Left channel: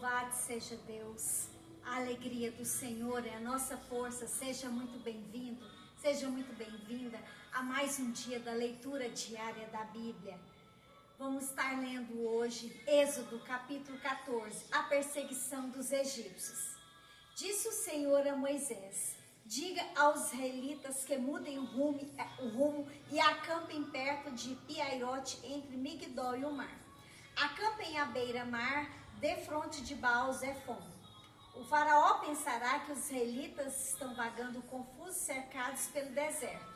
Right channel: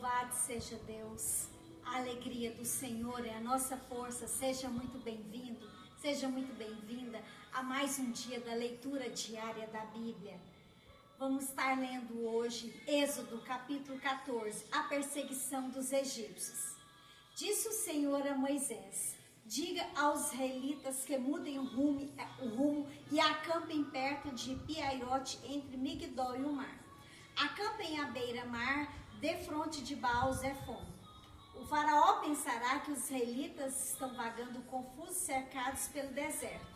Louvado seja Deus, a alegria do Senhor é a nossa força. Seja muito bem-vindo, seja muito bem-vinda a mais um dia da leitura diária da Bíblia. Vamos estar lendo hoje Êxodo capítulo 14, a perseguição dos egípcios. Disse o Senhor a Moisés: diga aos israelitas que mudem o rumo e acampem perto de Piairote, entre Migdol e o mar. Acampem à beira-mar, defronte de Baal-Zefon. O faraó pensará que os israelitas estão vagando confusos, cercados pelo deserto.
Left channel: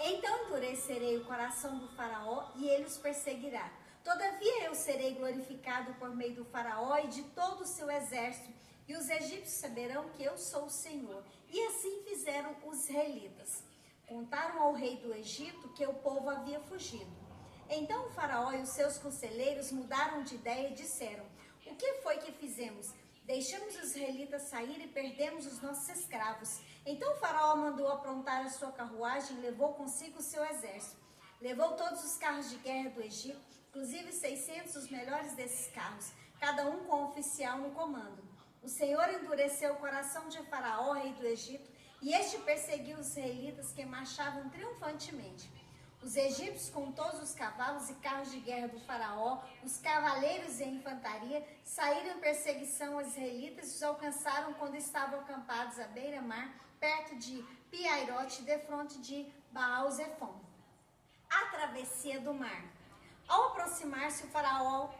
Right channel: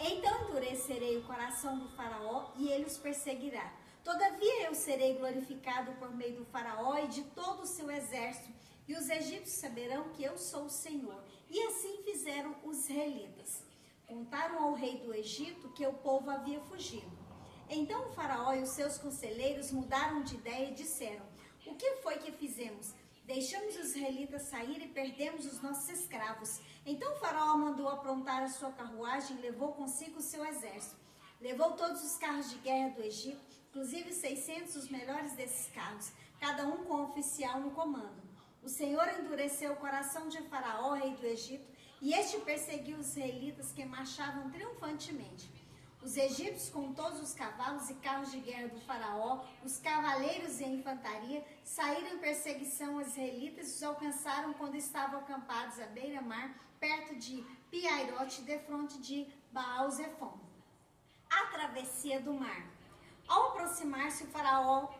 Então endurecerei o coração do faraó e ele os perseguirá. Todavia eu serei glorificado por meio do faraó e de todo o seu exército, e os egípcios saberão que eu sou o Senhor. E assim fizeram os israelitas. Contaram ao rei do Egito que o povo havia fugido. Então o faraó e os seus conselheiros mudaram de ideia e disseram: o que foi que fizemos? Deixamos os israelitas sair e perdemos os nossos escravos. Então o faraó mandou aprontar a sua carruagem e levou consigo o seu exército. Levou todos os carros de guerra do Egito, inclusive 600 dos melhores desses carros, cada um com um oficial no comando. O Senhor endureceu o coração de Faraó, rei do Egito, e este perseguiu os israelitas que marchavam triunfantemente. Os egípcios, com todos os cavalos e carros de guerra do faraó, os cavaleiros e a infantaria, saíram em perseguição aos israelitas e os alcançaram quando estavam acampados à beira-mar, perto de Piairote, defronte de Baal-Zefon. A travessia do mar. Ao aproximar-se o faraó,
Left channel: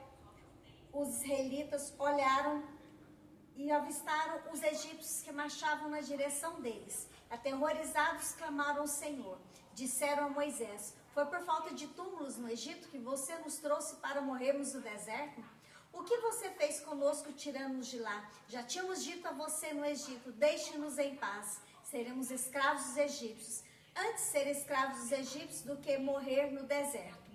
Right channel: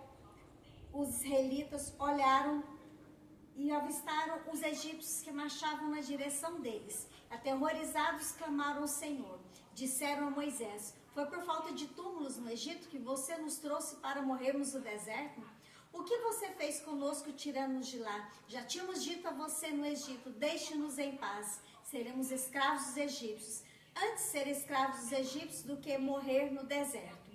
os israelitas olharam e avistaram os egípcios que marchavam na direção deles. Aterrorizados, clamaram ao Senhor. Disseram a Moisés: foi por falta de túmulos no Egito que você nos trouxe para morrermos no deserto? O que você fez conosco tirando-nos de lá? Já tínhamos dito a você no Egito: deixe-nos em paz, seremos escravos dos egípcios. Antes ser escravos dos egípcios do que morrer no deserto.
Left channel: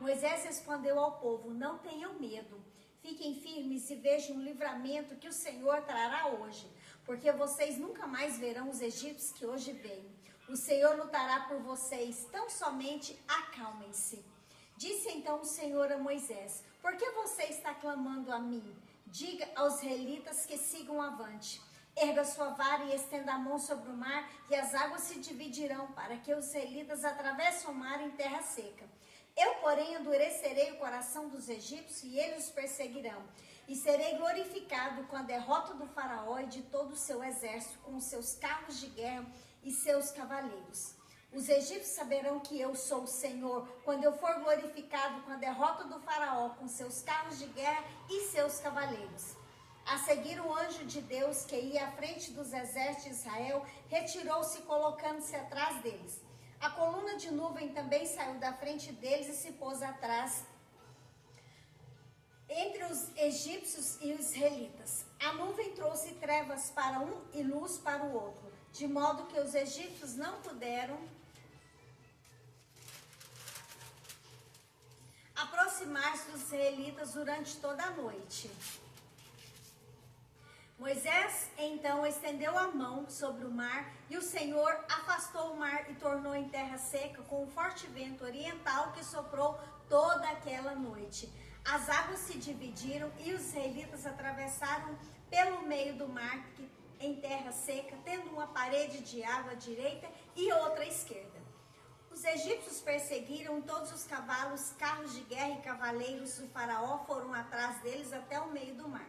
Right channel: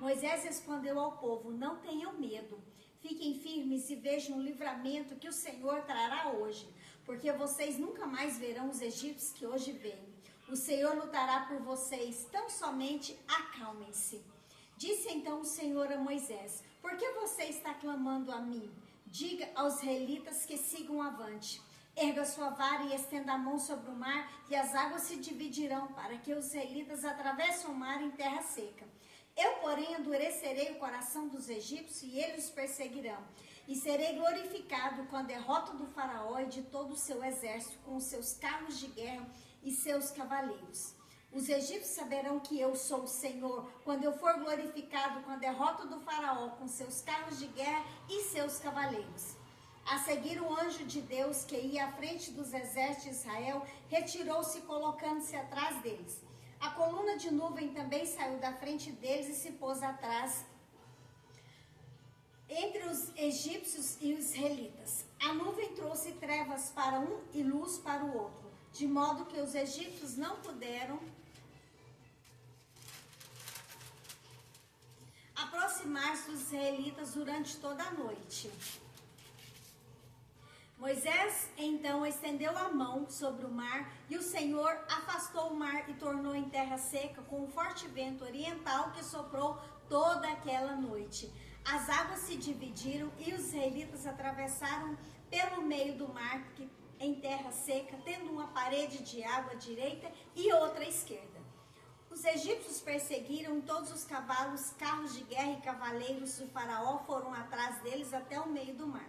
Moisés respondeu ao povo: não tenham medo. Fiquem firmes e vejam o livramento que o Senhor trará hoje, porque vocês nunca mais verão os egípcios que hoje veem. O Senhor lutará por vocês, tão somente acalmem-se. Disse então o Senhor a Moisés: por que você está clamando a mim? Diga aos israelitas que sigam avante. Erga sua vara e estenda a mão sobre o mar, e as águas se dividirão, para que os israelitas atravessem o mar em terra seca. Eu, porém, endurecerei o coração dos egípcios e eles os perseguirão. E serei glorificado com a derrota do faraó e de todo o seu exército, com os seus carros de guerra e seus cavaleiros. Os egípcios saberão que eu sou o Senhor, quando eu for glorificado com a derrota do faraó, com seus carros de guerra e seus cavaleiros. A seguir, o anjo de Deus, que ia à frente dos exércitos de Israel, retirou-se, colocando-se atrás deles. A coluna de nuvem também saiu da frente deles e se pôs atrás, entre os egípcios e os israelitas. A nuvem trouxe trevas para um e luz para o outro, de modo que os egípcios não puderam aproximar-se dos israelitas durante toda a noite. Moisés então estendeu a mão sobre o mar, e o Senhor afastou o mar e tornou em terra seca com um forte vento oriental que soprou toda aquela noite. As águas se dividiram e os israelitas atravessaram pelo meio do mar em terra seca, tendo uma parede de água à direita e outra à esquerda. Os egípcios perseguiram todos os cavalos, carros de guerra e cavaleiros do faraó foram atrás deles até o meio do mar.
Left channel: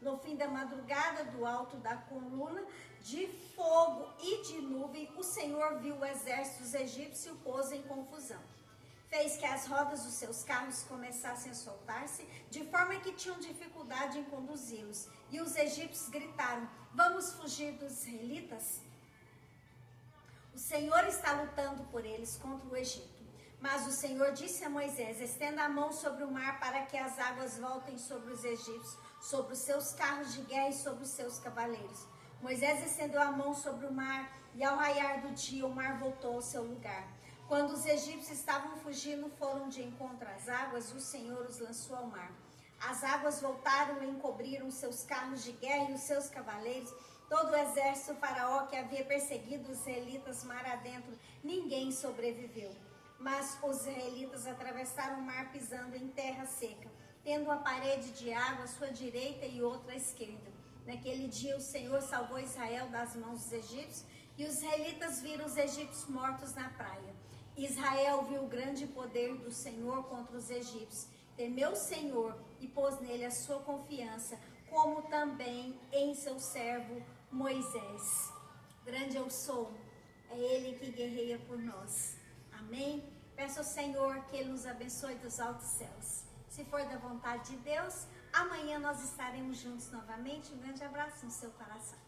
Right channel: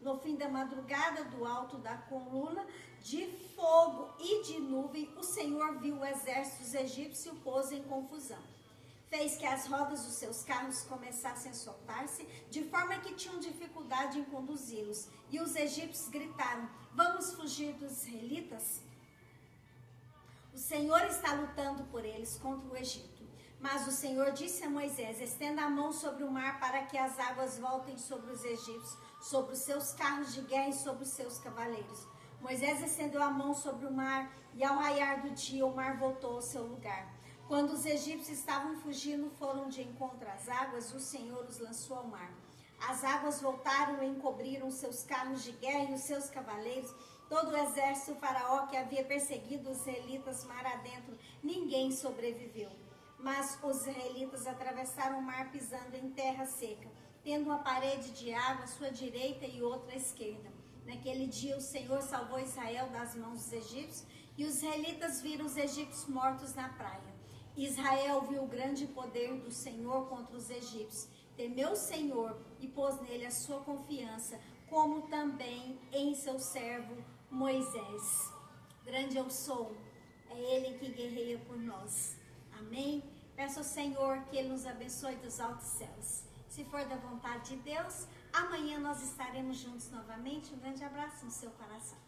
No fim da madrugada, do alto da coluna de fogo e de nuvem, o Senhor viu o exército dos egípcios e o pôs em confusão. Fez que as rodas dos seus carros começassem a soltar-se, de forma que tinham dificuldade em conduzi-los. E os egípcios gritaram: vamos fugir dos israelitas? O Senhor está lutando por eles contra o Egito. Mas o Senhor disse a Moisés: estenda a mão sobre o mar para que as águas voltem sobre os egípcios, sobre os seus carros de guerra e sobre os seus cavaleiros. Moisés estendeu a mão sobre o mar, e ao raiar do dia o mar voltou ao seu lugar. Quando os egípcios estavam fugindo, foram de encontro às águas, e o Senhor os lançou ao mar. As águas voltaram e encobriram os seus carros de guerra e os seus cavaleiros. Todo o exército do faraó que havia perseguido os israelitas mar adentro, ninguém sobreviveu. Mas os israelitas atravessaram o mar pisando em terra seca. tendo uma parede de água à sua direita e outra à esquerda. Naquele dia o Senhor salvou Israel das mãos dos egípcios, e os israelitas viram os egípcios mortos na praia. Israel viu o grande poder do Senhor contra os egípcios, temeu o Senhor e pôs nele a sua confiança, como também em seu servo Moisés. Grande eu sou, é Ele que guerreia por nós. Amém? Peço ao Senhor que Ele nos abençoe dos altos céus. Se for da vontade de Deus, amanhã nós estaremos juntos novamente. Um grande abraço no seu coração.